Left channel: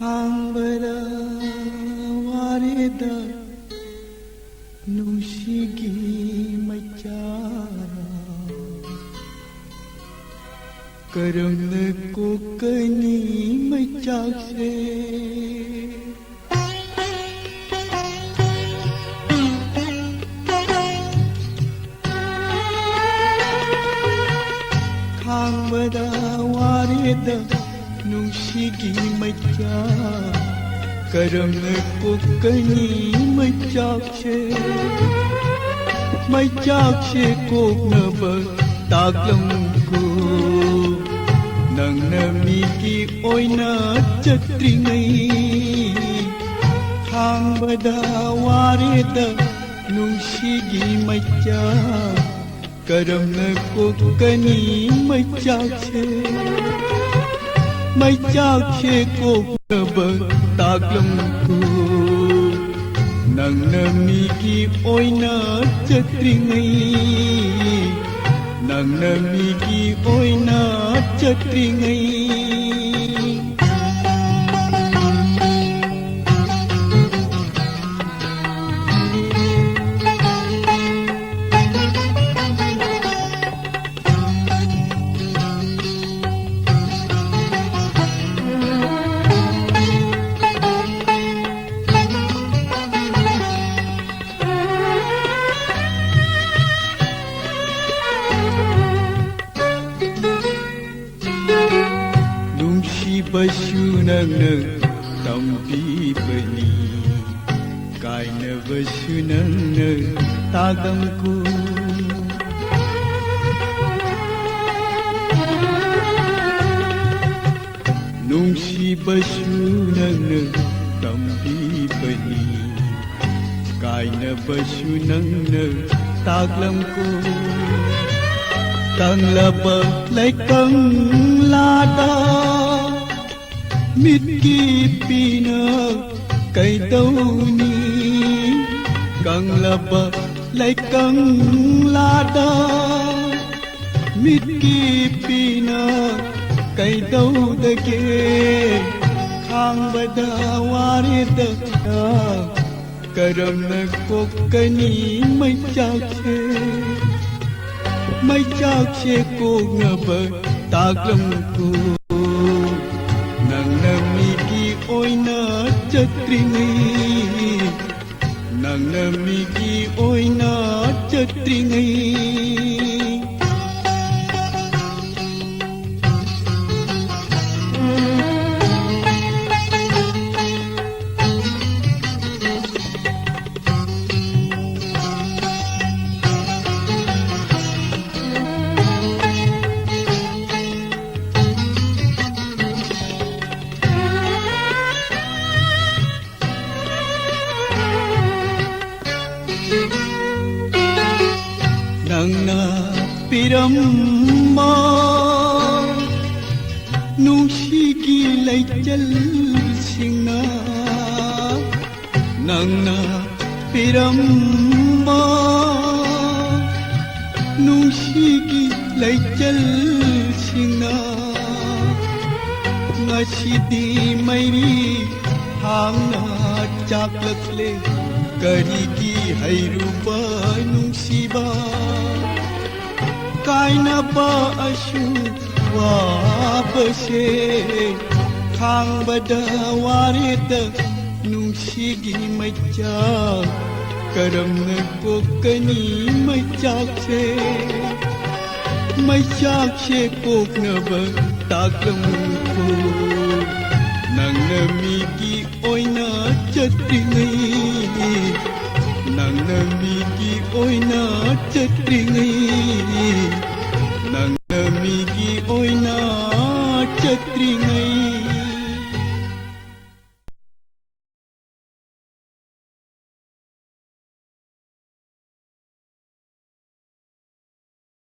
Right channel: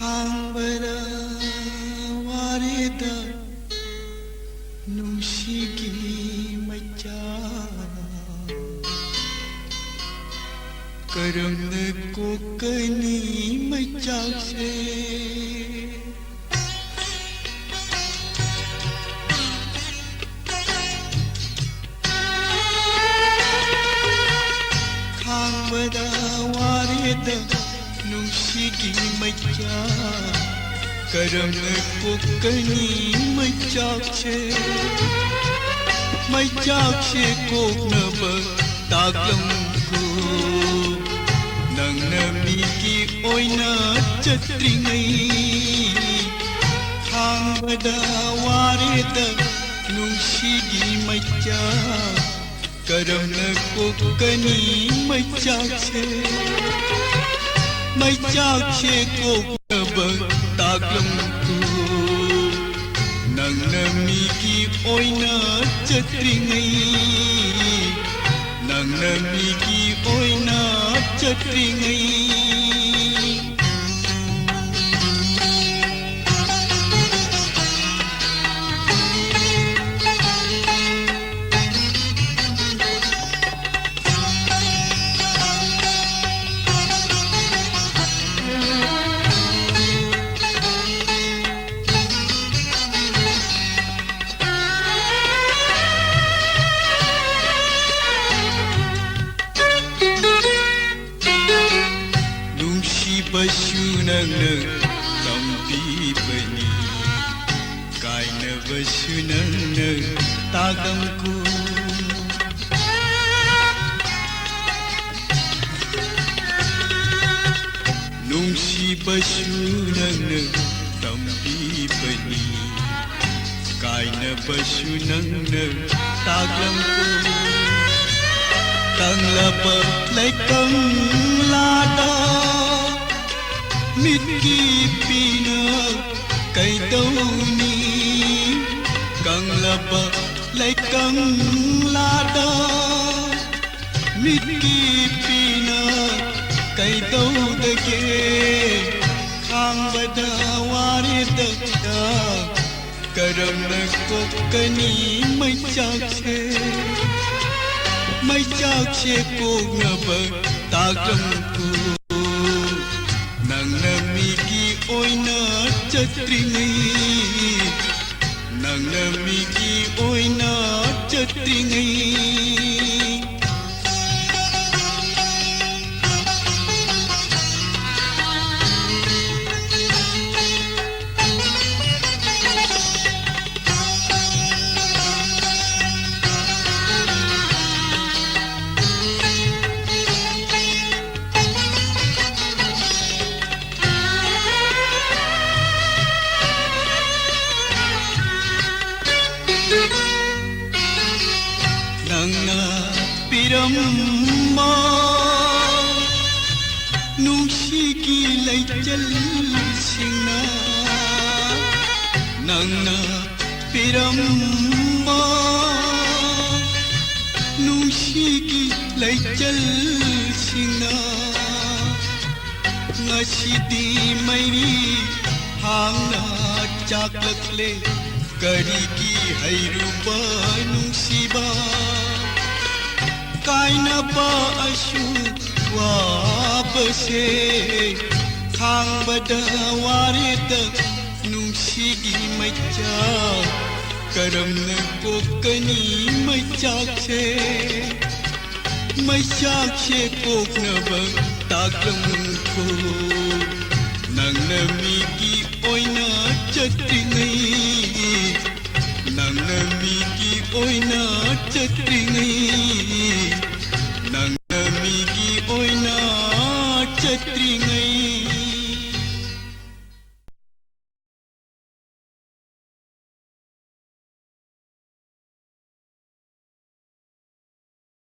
Hambara warida nushigi macha karana kokani macha se Hambara warida nushigi macha karana kokani macha se koknaba taglamku nangna miki oina chatringai hambada wareda nushigi macha karana kokani macha se koknaba taglamku nangna miki oina chatringai nangna miki oina chatringai Basunangna tampibani kaina basunangna tagamku nungsi basunangna tampibani kaina basunangna tagamku kanglaba laikang lada Mitki pina kay dauni kang laba laikang lada Mitki pina kay daudage khang bada warida karana kokani macha se koknaba taglamku nangna miki oina chatringai nangna miki oina chatringai Nangna piramma nushigi laichal singna Nangna piramma nushigi laichal singna Ngasidi mairi hangna chaklakle karigi hairuba nusiba kaina ba ashu wabase khang bada warida nushigi macha karamna kokani macha se koknaba taglamku nangna miki oina chatringai nangna miki oina chatringai nangna miki oina chatringai